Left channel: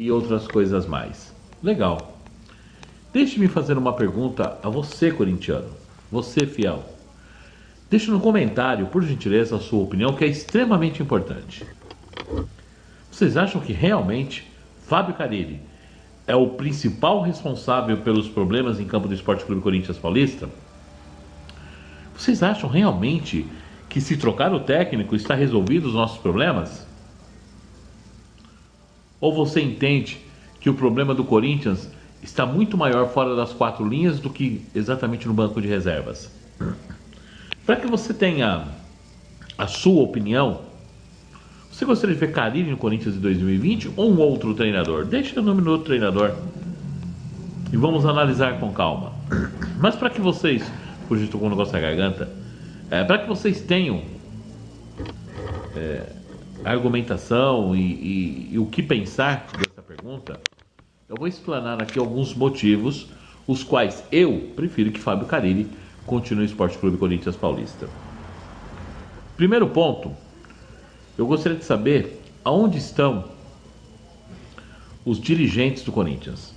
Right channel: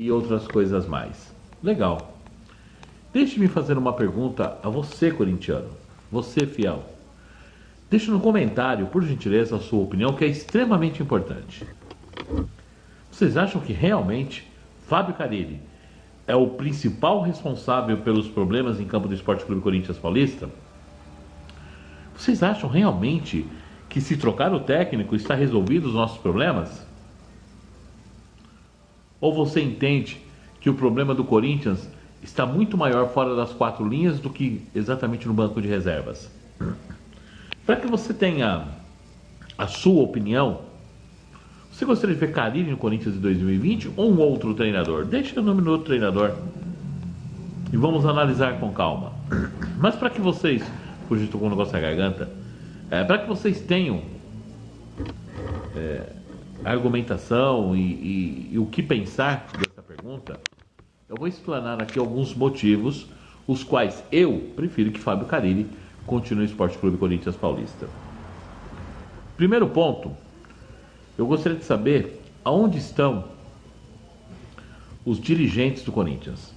e outras coisas mais. Legal. Deixe-me fazer uma pergunta a você, corintiano. Você, fiel. Deixe no comentário, por gentileza, a sua opinião, que é extremamente importante. Vocês acham que realmente Fábio Carille é o principal responsável pelos problemas em campo do Esporte Clube Corinthians Paulista? Vocês acham realmente que se trocar o técnico está resolvido os nossos problemas? Ou você entende que o problema do Corinthians está muito maior fora das quatro linhas do que exatamente no banco de reservas? Para que você tenha a sua opinião, você gostaria de ver Carille no Corinthians em 2020 ou um outro treinador? Deixe o nome do outro treinador e vamos analisar com calma. Mas para que vocês, hoje estou com um negócio na garganta, para que vocês tenham argumentação e o que pensar dessa pergunta, eu vou explanar aqui alguns motivos os quais eu prefiro que Fábio Carille continue no Esporte Clube Corinthians Paulista. Primeiro ponto, eu gostaria de saber aonde estão os dirigentes do Corinthians.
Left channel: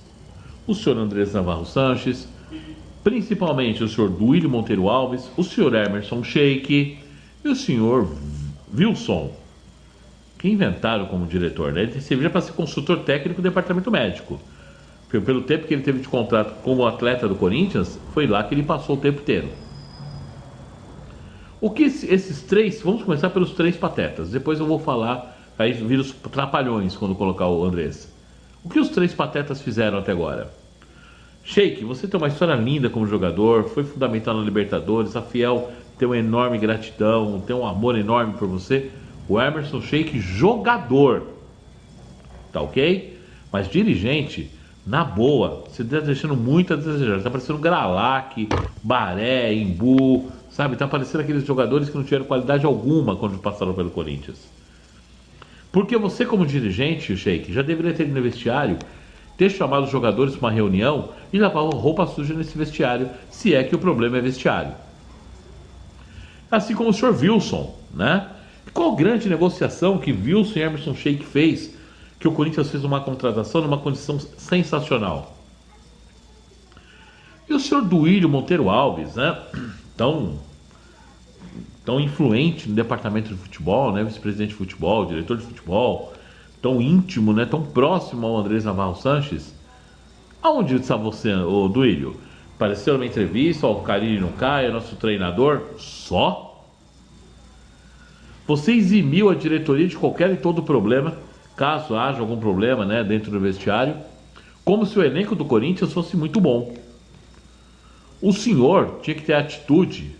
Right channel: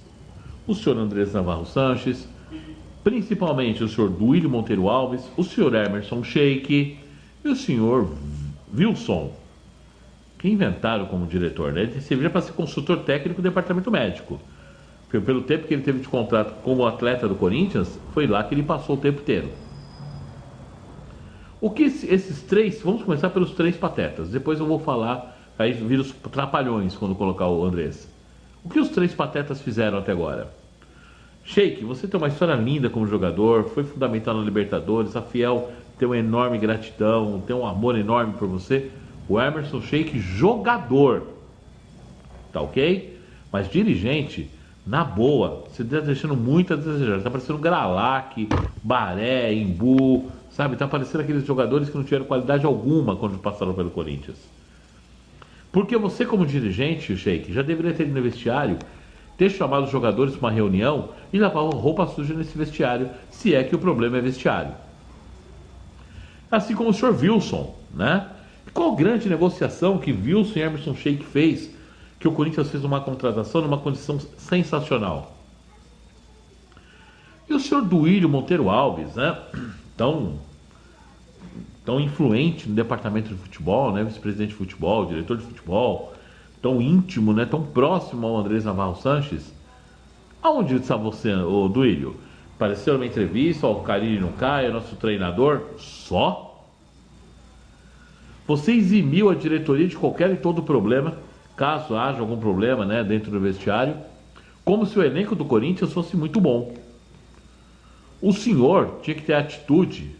O senhor Andrés Navarro Sanches, principalmente o senhor Duílio Monteiro Alves, o senhor Emerson Sheik e o senhor Wilson, que inventaram como diretor, né? Ele servia para ser consultor técnico do departamento médico. Pelo tempo que ele teve de contrato como atleta do Corinthians, foi lá que ele passou o tempo inteiro. O que esses três, vamos começar pelos três patetas, depois eu vou falar, aí vira os trapalhões quando colocar o Andrés. O que os três patetas fizeram até agora? Sheik, você tem uma história linda como jogador, foi fundamental na Libertadores, a Fiel tem uma enorme gratidão, tem um amor enorme por você. O Emerson Sheik, jogador, tá ok? Mas dirigente, na boa, você está deixando muito a desejar. Está parecendo Gralac, Baré, Imbu, sabe? Está parecendo aqueles jogadores que não tiveram qualidade alguma quando passaram pelo Corinthians. Porque você, como dirigente, Sheik, já deveria ter ido no vestiário, ter chamado os jogadores para uma reunião e lavar roupa suja nesse vestiário, se é que o problema é vestiário. Assim como o senhor Wilson, né? Qual grande negociação que Wilson e Emerson Sheik fez, que o Corinthians fez uma contratação numa condição sensacional. E o senhor Duílio Monteiro Alves, né? Tão influente no departamento de futebol, né? Vice-presidente de futebol, diretor de futebol, tão íntimo, né? Tão próximo ao Andrés Navarro Sanches. Aonde está você, ô Duílio? Apareceu numa entrevista, o Carille não cai, é nosso treinador, só? Você eximiu a diretoria de qualquer e todo problema, caso haja algum problema, né, dentro do vestiário, como se o elenco do Corinthians fosse muito bom. O senhor tinha que ter atitude,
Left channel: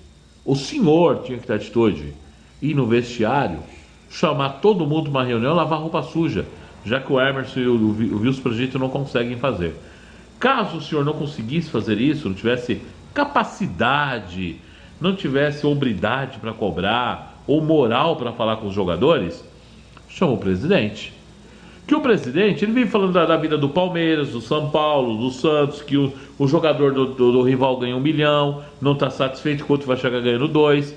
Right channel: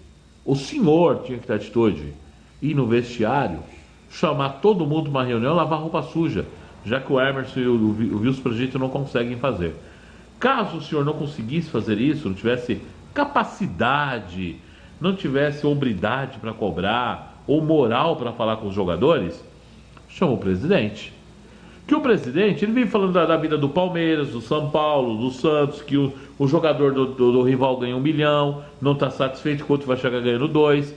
ir no vestiário, chamar todo mundo para uma reunião e lavar roupa suja, já que o Emerson e o Wilson Projeto não conseguem fazer. Caso o senhor não conseguisse fazer isso, não tivesse capacidade, não tivesse hombridade para cobrar, ou moral para falar com os jogadores, chama o presidente. Que o presidente, ele vem falando da vida do Palmeiras, do São Paulo, do Santos, que o jogador do rival ganha 1 milhão, não está satisfeito, enquanto vai chegar ganhando 2.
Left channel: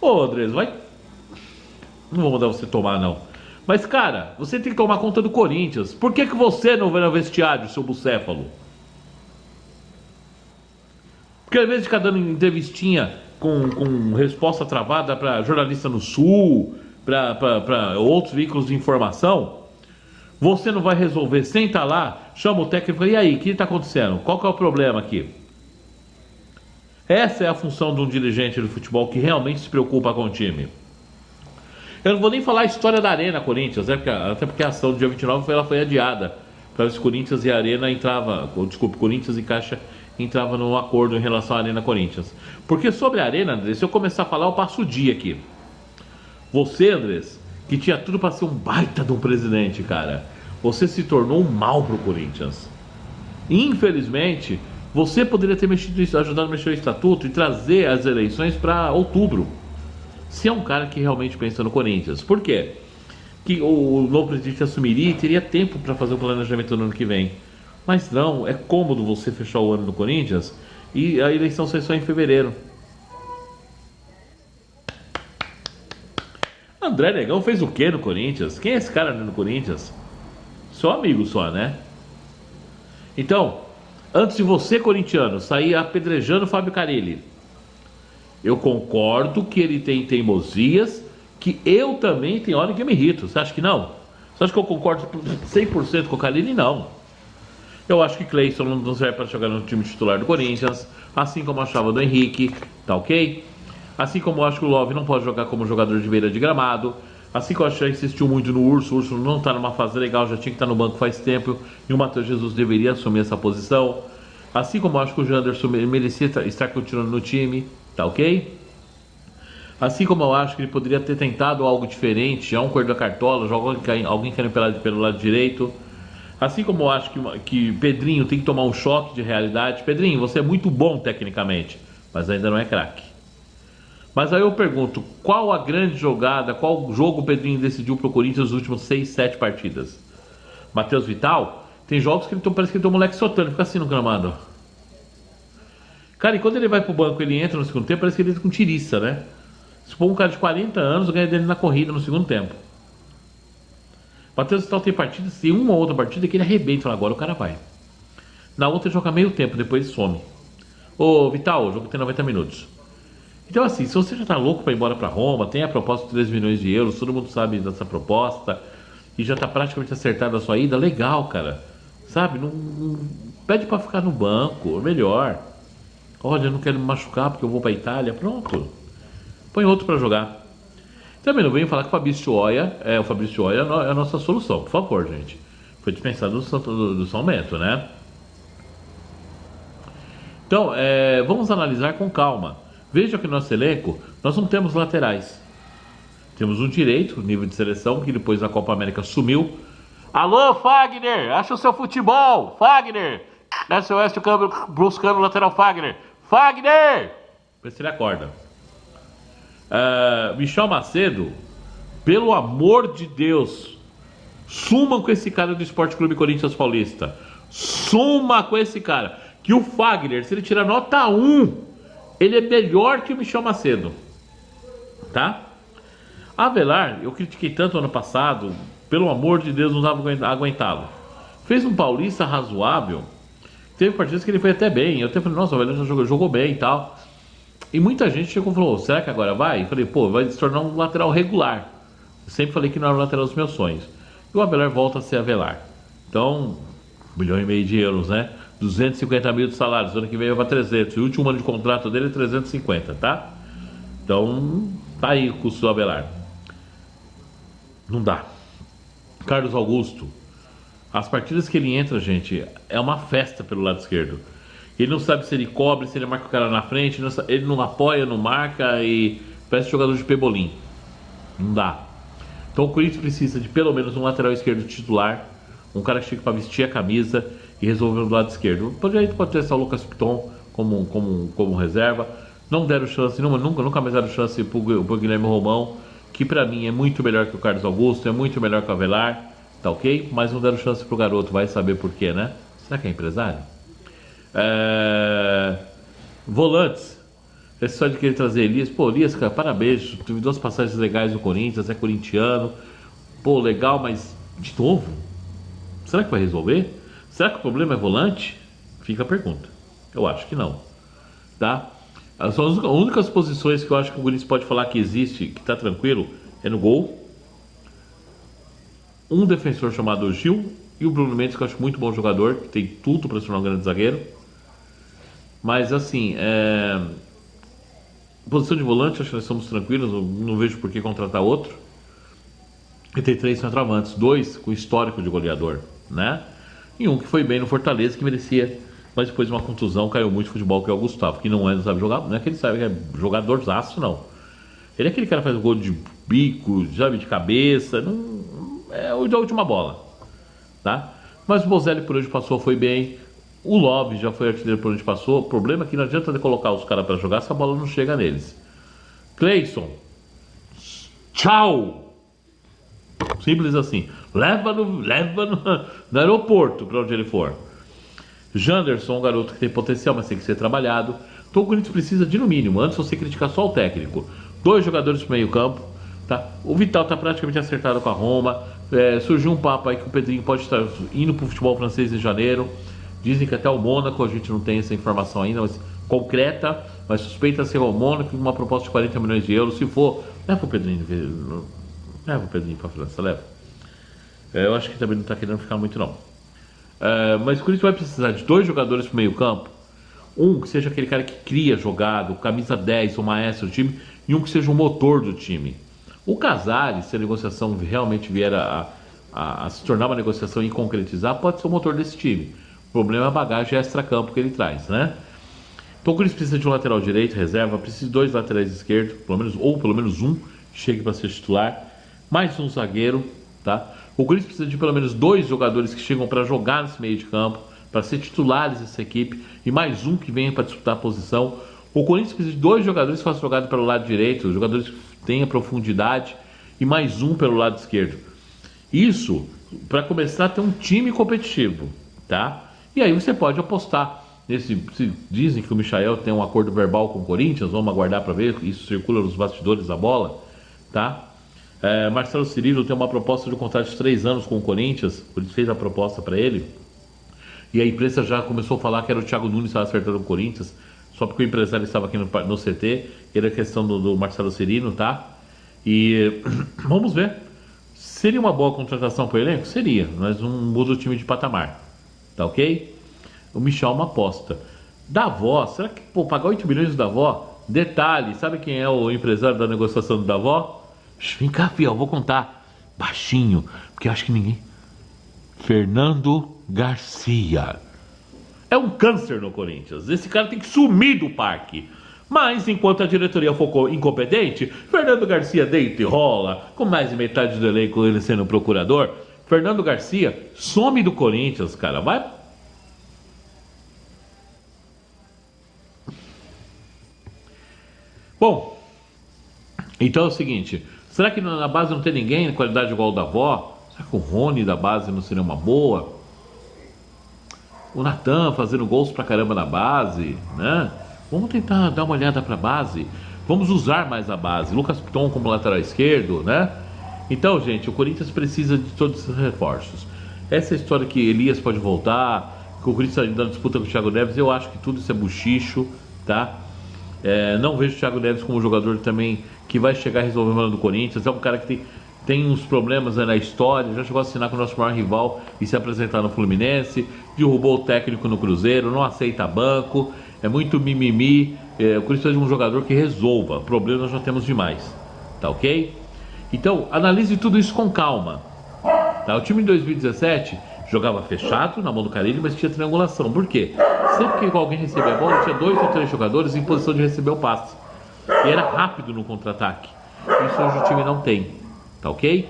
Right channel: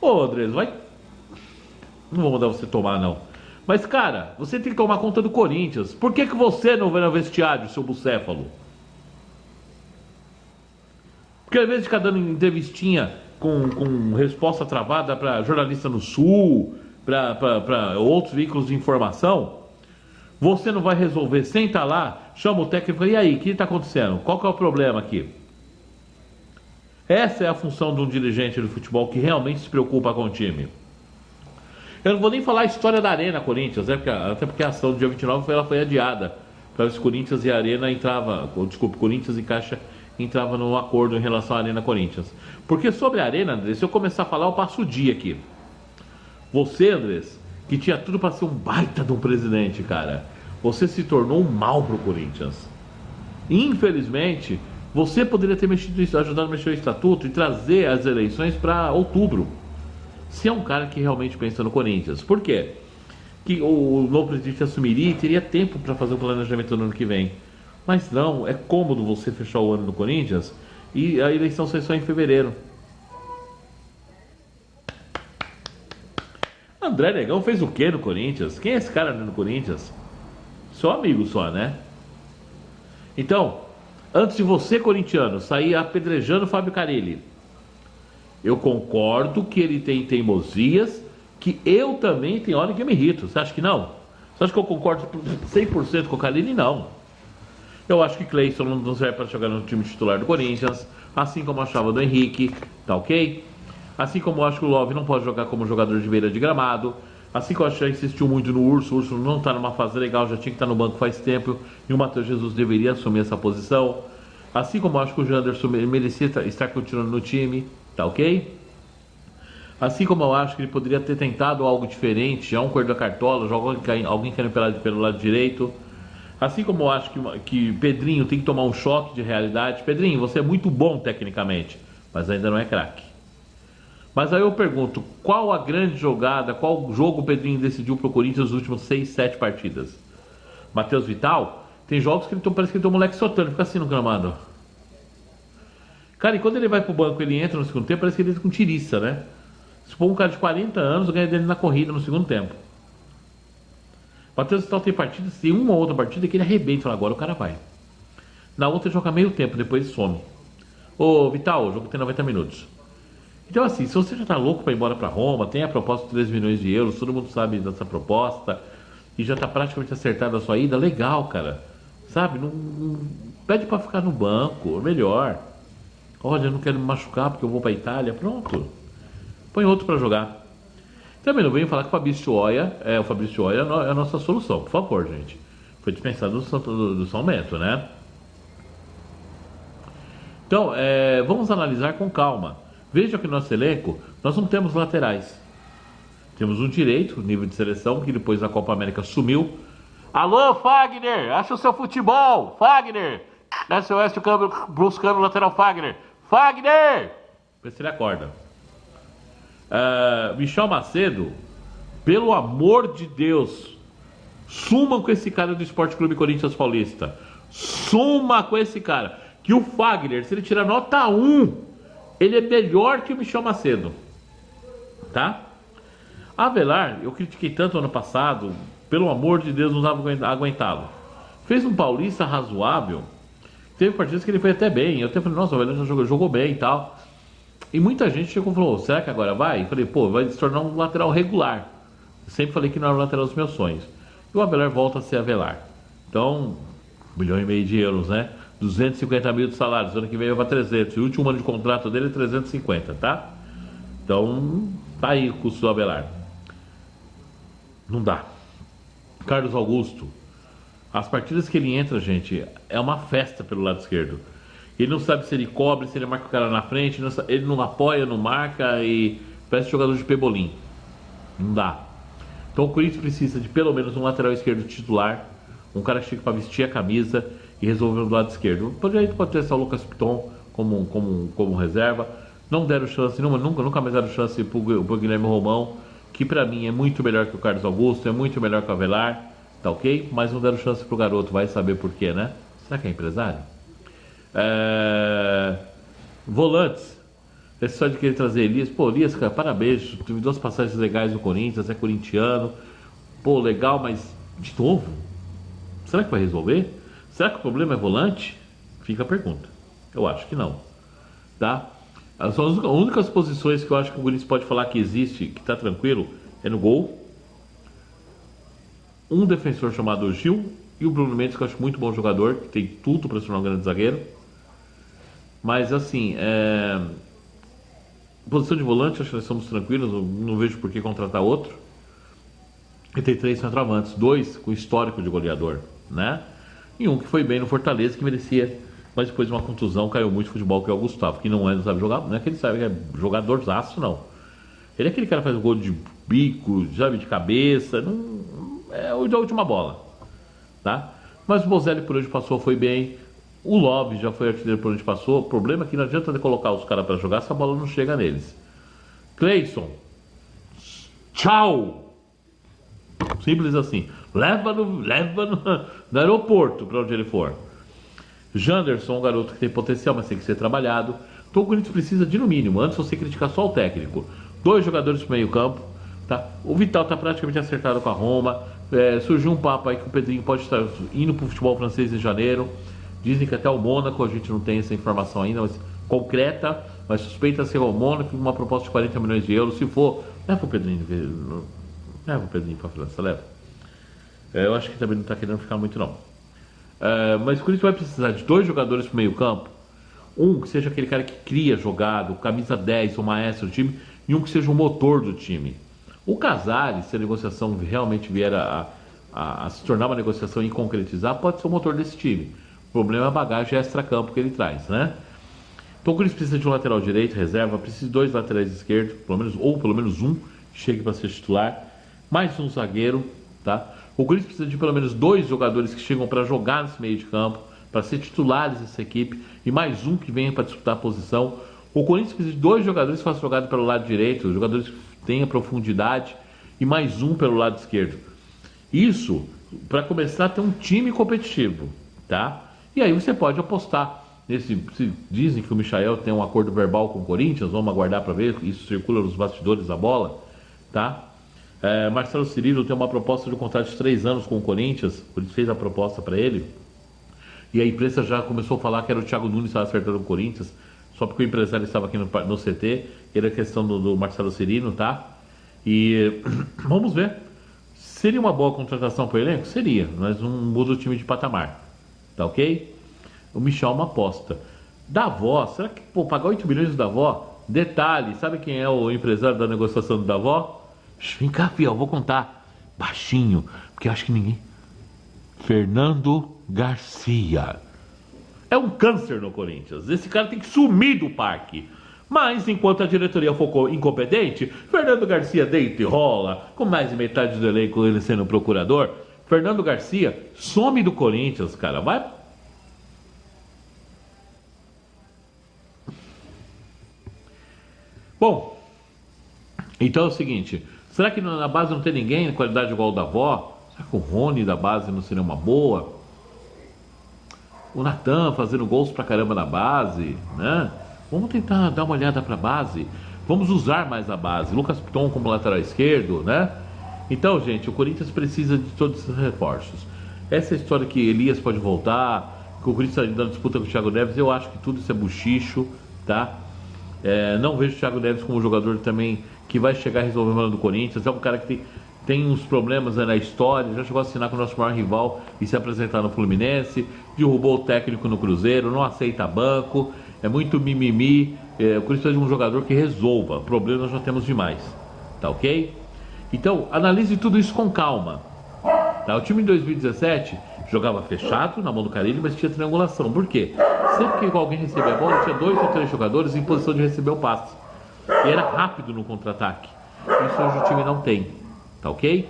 Ô Andrés, vai... Não vou mandar você tomar, não. Mas, cara, você tem que tomar conta do Corinthians. Por que você não vai no vestiário, seu bucéfalo? Porque ao invés de ficar dando entrevistinha com resposta travada para jornalista no Sul, para outros veículos de informação, você não vai resolver. Senta lá, chama o técnico e aí, o que está acontecendo? Qual que é o problema aqui? Essa é a função de um dirigente do futebol que realmente se preocupa com o time. Eu não vou nem falar a história da Arena Corinthians, né? Até porque a ação do dia 29 ela foi adiada para ver se Corinthians e Arena Corinthians e Caixa entrava num acordo em relação à Arena Corinthians. Porque sobre a Arena, Andrés, se eu começar a falar, eu passo o dia aqui. Você, Andrés, que tinha tudo para ser um baita de um presidente, cara, você se tornou um mal pro Corinthians. Infelizmente, você poderia ter ajudado a mexer o estatuto e trazer as eleições para outubro. Se é um cara que realmente pensa no Corinthians. Por quê? Que o novo presidente assumiria e teria tempo para fazer o planejamento no ano que vem. Mas não, é cômodo você fechar o ano do Corinthians e a eleição sai só em fevereiro. André Negão fez o que no Corinthians? Quem é esse cara no Corinthians? seu amigo só, né? Então, antes de você, corintiano, sair apedrejando o Fábio Carille, eu concordo que ele tem teimosias, que eu também tenho hora que eu me irrito. Você acha que não? Você acha que eu concordo 100% com o Carille? Não. Eu acho que Cleison não serve para jogar no time titular do Corinthians, assim como eu achava do Henrique, tá ok? Assim como eu acho que o Love não pode jogar como jogador de beira de gramado, assim como eu acho que insistiu muito no Urso, o Urso não está numa fase legal, já tinha que estar no banco faz tempo, e o Matheus Jesus deveria assumir essa posição. Assim como eu acho que o Janderson merecia estar continuando no time, tá ok? Assim como eu acho que ele poderia ter tentado algo diferente, já um Coelho da Cartola, alguém caindo pelo lado direito. Assim como eu acho que Pedrinho tem que tomar um choque de realidade. Pedrinho, você é muito bom tecnicamente, mas ainda não é craque. Mas aí eu pergunto, qual a grande jogada, qual jogo o Pedrinho decidiu pro Corinthians nos últimos 6, 7 partidas? Matheus Vital, tem jogos que parece que ele tem um moleque soltando, fica assim no gramado. Cara, e quando ele vai pro banco, ele entra no segundo tempo, parece que ele entra com tiriça, né? Se for um cara de 40 anos, ganha dele na corrida no segundo tempo. Matheus Vital tem partidas, tem uma ou outra partida que ele arrebenta e fala, agora o cara vai. Na outra ele joga meio tempo, depois ele some. Ô Vital, o jogo tem 90 minutos. Então assim, se você já tá louco para ir embora para Roma, tem a proposta de 3 milhões de euros, todo mundo sabe dessa proposta, e já tá praticamente acertada a sua ida, legal, cara. Sabe, não pede para ficar no banco, melhor. Olha, eu não quero me machucar porque eu vou para Itália, pronto. Põe outro para jogar. Também não venho falar que o Fabrício Oia é a nossa solução, por favor, gente. Foi dispensado do São Bento, né? Então, vamos analisar com calma. Veja que no nosso elenco, nós não temos laterais. Temos um direito, nível de seleção, que depois na Copa América sumiu. Alô, Fagner! Acha o seu futebol! Fagner! SOS, o câmbio buscando o lateral Fagner. Fagner! Vê se ele acorda. Michel Macedo, pelo amor de Deus, sumam com esse cara do Esporte Clube Corinthians Paulista. Suma com esse cara. Que o Fagner, se ele tirar nota 1, ele é melhor que o Michel Macedo. Tá? Avelar, eu critiquei tanto ano passado, pelo amor de Deus, não dava pra aguentá-lo. Fez um Paulista razoável. Teve partidas que ele foi até bem. Eu até falei, nossa, o Avelar já jogou bem e tal. E muita gente chegou e falou, será que agora vai? Eu falei, pô, vai se tornar um lateral regular. Eu sempre falei que não era o lateral dos meus sonhos. E o Avelar volta a ser Avelar. Então, 1,5 milhão de euros, né? 250 mil de salários, ano que vem vai 300. E o último ano de contrato dele é 350, tá? Então, tá aí o custo do Avelar. Não dá. Carlos Augusto, as partidas que ele entra, gente, é uma festa pelo lado esquerdo. Ele não sabe se ele cobre, se ele marca o cara na frente, ele não apoia, não marca e parece jogador de pebolim. Não dá. Então o Corinthians precisa de pelo menos um lateral esquerdo titular, um cara que chegue para vestir a camisa e resolver do lado esquerdo. A gente pode testar o Lucas Piton como reserva. Não deram chance, nunca mais deram chance pro Guilherme Romão, que para mim é muito melhor que o Carlos Augusto, é muito melhor que o Avelar, tá ok? Mas não deram chance pro garoto, vai saber por quê, né? Será que é empresário? Volantes, esse só de querer trazer Elias. Pô, Elias, cara, parabéns, teve 2 passagens legais no Corinthians, é corintiano. Pô, legal, mas de novo? Será que vai resolver? Será que o problema é volante? Fica a pergunta. Eu acho que não, tá? As únicas posições que eu acho que o Corinthians pode falar que existe, que tá tranquilo, é no gol. Um defensor chamado Gil e o Bruno Mendes, que eu acho muito bom jogador, que tem tudo para se tornar um grande zagueiro. Mas assim, posição de volante, acho que nós estamos tranquilos, não vejo por que contratar outro. E tem 3 centroavantes, 2 com histórico de goleador, né? E um que foi bem no Fortaleza, que merecia, mas depois de uma contusão caiu muito futebol, que é o Gustavo, que não sabe jogar, não é que ele sabe que é jogadorzaço, não. Ele é aquele cara que faz gol de bico, sabe, de cabeça, é o da última bola, tá? Mas o Bozelli por onde passou foi bem. O Love já foi artilheiro por onde passou. O problema é que não adianta de colocar os caras para jogar se a bola não chega neles. Cleison, tchau! Simples assim. Leva no aeroporto para onde ele for. Janderson, um garoto que tem potencial, mas tem que ser trabalhado. Então o Corinthians precisa de, no mínimo, antes de você criticar só o técnico, 2 jogadores para o meio campo. Tá? O Vital está praticamente acertado com a Roma. Surgiu um papo aí que o Pedrinho pode estar indo para o futebol francês em janeiro. Dizem que até o Mônaco, a gente não tem essa informação ainda, mas concreta, mas suspeita ser o Mônaco com uma proposta de 40 milhões de euros. Se for, leva o Pedrinho para a França, leva. Eu acho que também não está querendo ficar muito não. Mas o Corinthians vai precisar de 2 jogadores para o meio campo. Um que seja aquele cara que cria jogado, camisa 10, o maestro do time, e um que seja o motor do time. O Casares, se a negociação realmente vier a se tornar uma negociação e concretizar, pode ser o motor desse time. O problema é a bagagem extra-campo que ele traz, né? Então o Corinthians precisa de um lateral direito, reserva, precisa de 2 laterais esquerdos, pelo menos um que chegue para ser titular, mais um zagueiro, tá? O Corinthians precisa de pelo menos 2 jogadores que chegam para jogar nesse meio de campo, para ser titulares dessa equipe, e mais um que venha para disputar a posição. O Corinthians precisa de 2 jogadores que façam jogada pelo lado direito, jogadores que tenham profundidade, e mais um pelo lado esquerdo. Isso para começar a ter um time competitivo, tá? E aí você pode apostar nesse. Dizem que o Michael tem um acordo verbal com o Corinthians, vamos aguardar para ver, isso circula nos bastidores da bola, tá? Marcelo Cirilo tem uma proposta de um contrato de 3 anos com o Corinthians, o Corinthians fez a proposta para ele, e a imprensa já começou a falar que era o Thiago Nunes que estava acertando o Corinthians, só porque o empresário estava aqui no CT, era a questão do Marcelo Cirilo, tá? E vamos ver. Seria uma boa contratação para o elenco? Seria, mas não muda o time de patamar, tá ok? O Michel é uma aposta. Davó, será que pagar 8 milhões do Davó? Detalhe, sabe quem é o empresário da negociação do Davó? Vem cá, fiel, vou contar baixinho, porque acho que ninguém. Fernando Garcia. É um câncer no Corinthians. Esse cara tem que sumir do parque. Mas, enquanto a diretoria for incompetente, Fernando Garcia deita e rola, com mais de metade do elenco ele sendo procurador. Fernando Garcia some do Corinthians, cara. Vai. Bom, então é o seguinte. Será que na base não tem ninguém de qualidade igual o da avó? Será que o Rony da base não seria uma boa? O Natan fazendo gols pra caramba na base, né? Vamos tentar dar uma olhada pra base. Vamos usar mais a base. Lucas Piton como lateral esquerdo, né? Então, gente, o Corinthians precisa de todos esses reforços. Essa história que Elias pode voltar, que o Corinthians está dando disputa com o Thiago Neves, eu acho que tudo isso é buchicho, tá? Não vejo o Thiago Neves como um jogador também que vai chegar a resolver o problema do Corinthians. É um cara que tem uns problemas, né, na história, já chegou a assinar com o nosso maior rival e se apresentar no Fluminense, derrubou o técnico no Cruzeiro, não aceita banco, é muito mimimi. O Corinthians precisa de um jogador que resolva, problemas nós já temos demais, tá ok? Então, analise tudo isso com calma, tá? O time em 2017 jogava fechado na mão do Carille, mas tinha triangulação. Por quê? Sempre que alguém recebia a bola, tinha 2 ou 3 jogadores em posição de receber o passe. E era rápido no contra-ataque. Isso hoje o time não tem. Tá ok?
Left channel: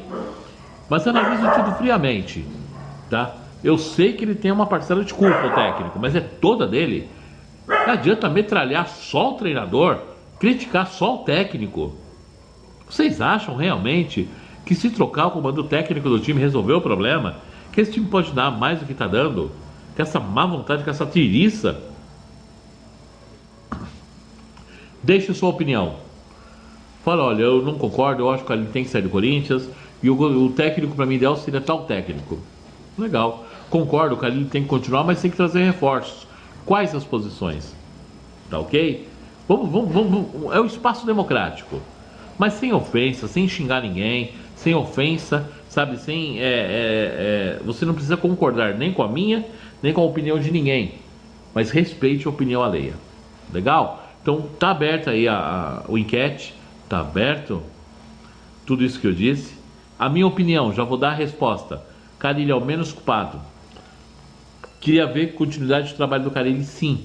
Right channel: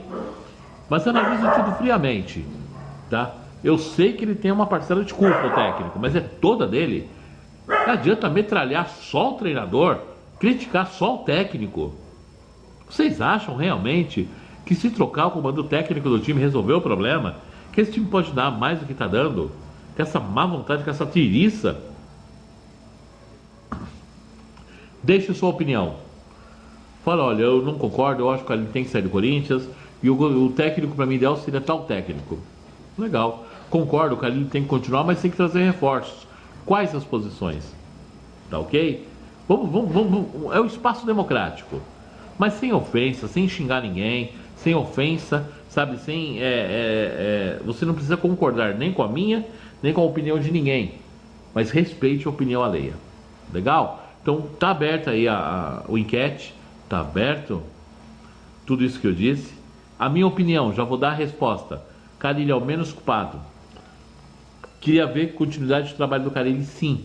Mas analise tudo friamente. Tá? Eu sei que ele tem uma parcela de culpa, o técnico, mas é toda dele. Não adianta metralhar só o treinador, criticar só o técnico. Vocês acham realmente que se trocar o comando técnico do time resolveu o problema? Que esse time pode dar mais do que está dando? Com essa má vontade, com essa tiriça? Deixe sua opinião. Fala, olha, eu não concordo, eu acho que ele tem que sair do Corinthians, e o técnico para mim ideal seria tal técnico. Legal. Concordo, o Carille tem que continuar, mas tem que trazer reforços. Quais as posições? Tá ok? Vamos, é um espaço democrático. Mas sem ofensa, sem xingar ninguém, sem ofensa, sabe? Você não precisa concordar nem com a minha, nem com a opinião de ninguém. Mas respeite a opinião alheia. Legal? Então tá aberta aí o enquete. Tá aberto? Tudo isso que eu disse. A minha opinião, já vou dar a resposta. Carille é o menos culpado. Queria ver continuidade de trabalho do Carille, sim.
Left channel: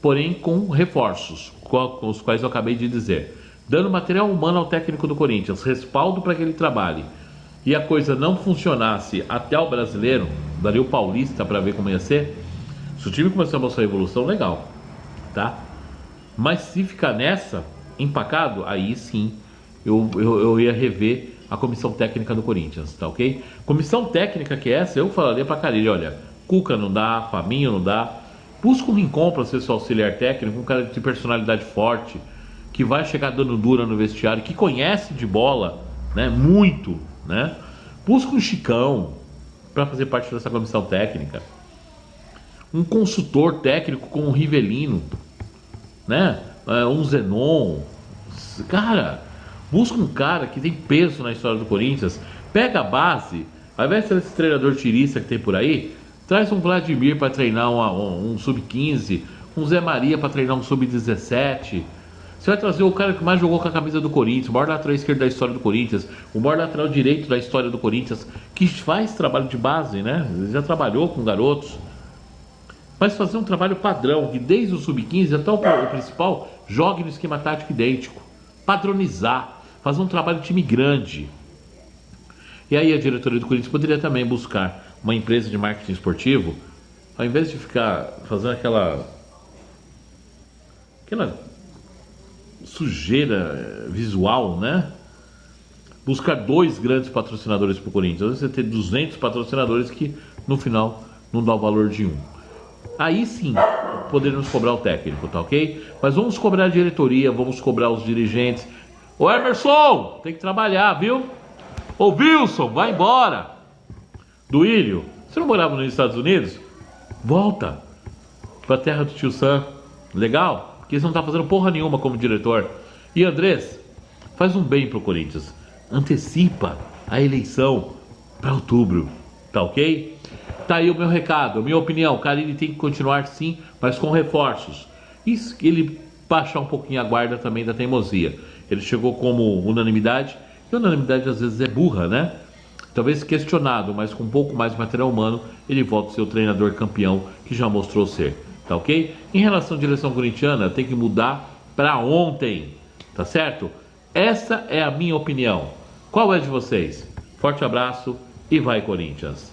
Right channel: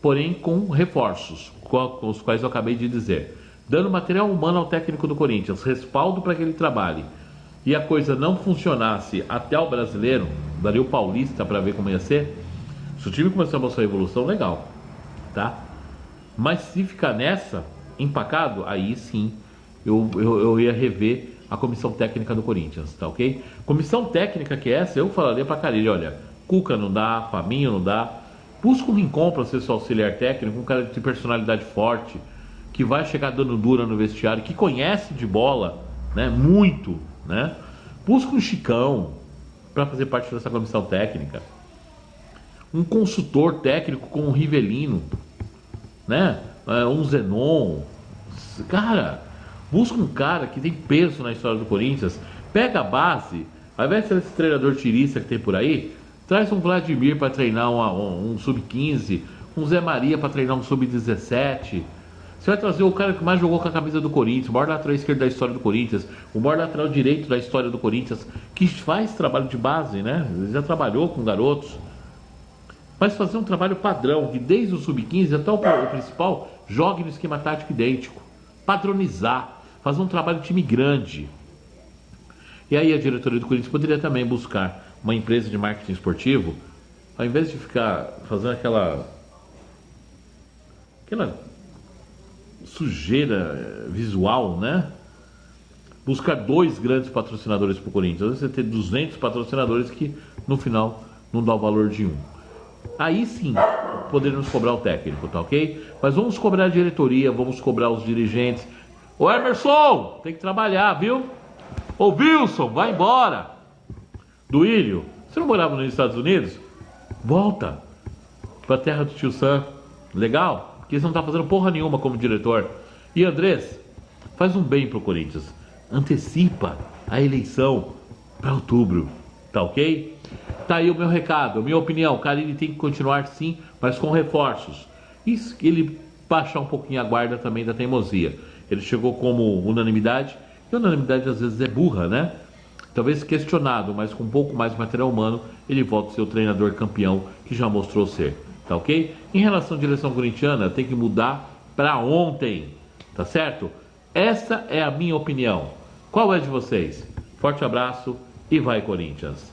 Porém, com reforços, com os quais eu acabei de dizer. Dando material humano ao técnico do Corinthians, respaldo para que ele trabalhe. E a coisa não funcionasse até o brasileiro, daria o paulista para ver como ia ser. Se o time começar a mostrar a evolução, legal. Tá? Mas se ficar nessa, empacado, aí sim eu ia rever a comissão técnica do Corinthians, tá ok? Comissão técnica que é essa, eu falaria pra Carille, olha, Cuca não dá, Fabinho não dá, busca um Rincon para ser seu auxiliar técnico, um cara de personalidade forte, que vai chegar dando dura no vestiário, que conhece de bola, né, muito, né? Busca um Chicão para fazer parte dessa comissão técnica. Um consultor técnico como um Rivelino, né? Um Zenon. Cara, busca um cara que tem peso na história do Corinthians. Pega a base, ao invés de ser esse treinador tirista que tem por aí, traz um Vladimir para treinar um sub-15, um Zé Maria para treinar um sub-17. Você vai trazer o cara que mais jogou com a camisa do Corinthians, o maior lateral esquerdo da história do Corinthians, o maior lateral direito da história do Corinthians, que faz trabalho de base, né? Já trabalhou com garotos. Mas fazer um trabalho padrão, que desde o sub-15 até o principal, jogue no esquema tático idêntico. Padronizar, fazer um trabalho de time grande. E aí a diretoria do Corinthians poderia também buscar uma empresa de marketing esportivo, ao invés de ficar fazendo aquela sujeira visual, né? Buscar 2 grandes patrocinadores para o Corinthians. Você ter 200 patrocinadores que no final não dá o valor de um. Aí sim poderíamos cobrar o técnico, tá ok? Mas vamos cobrar a diretoria, vamos cobrar os dirigentes. Ô Emerson, tem que trabalhar, viu? Ô Wilson, vai embora. Duílio, você não morava nos Estados Unidos? Volta para a terra do tio Sam. Legal? Porque você não está fazendo porra nenhuma como diretor. E Andrés, faz um bem pro Corinthians. Antecipa a eleição para outubro. Tá ok? Tá aí o meu recado, a minha opinião. Carille tem que continuar sim, mas com reforços. E ele baixar um pouquinho a guarda também da teimosia. Ele chegou como unanimidade. E unanimidade às vezes é burra, né? Talvez questionado, mas com um pouco mais de material humano, ele volta a ser o treinador campeão que já mostrou ser. Tá ok? Em relação à direção corintiana, tem que mudar para ontem. Tá certo? Essa é a minha opinião. Qual é a de vocês? Forte abraço e vai Corinthians!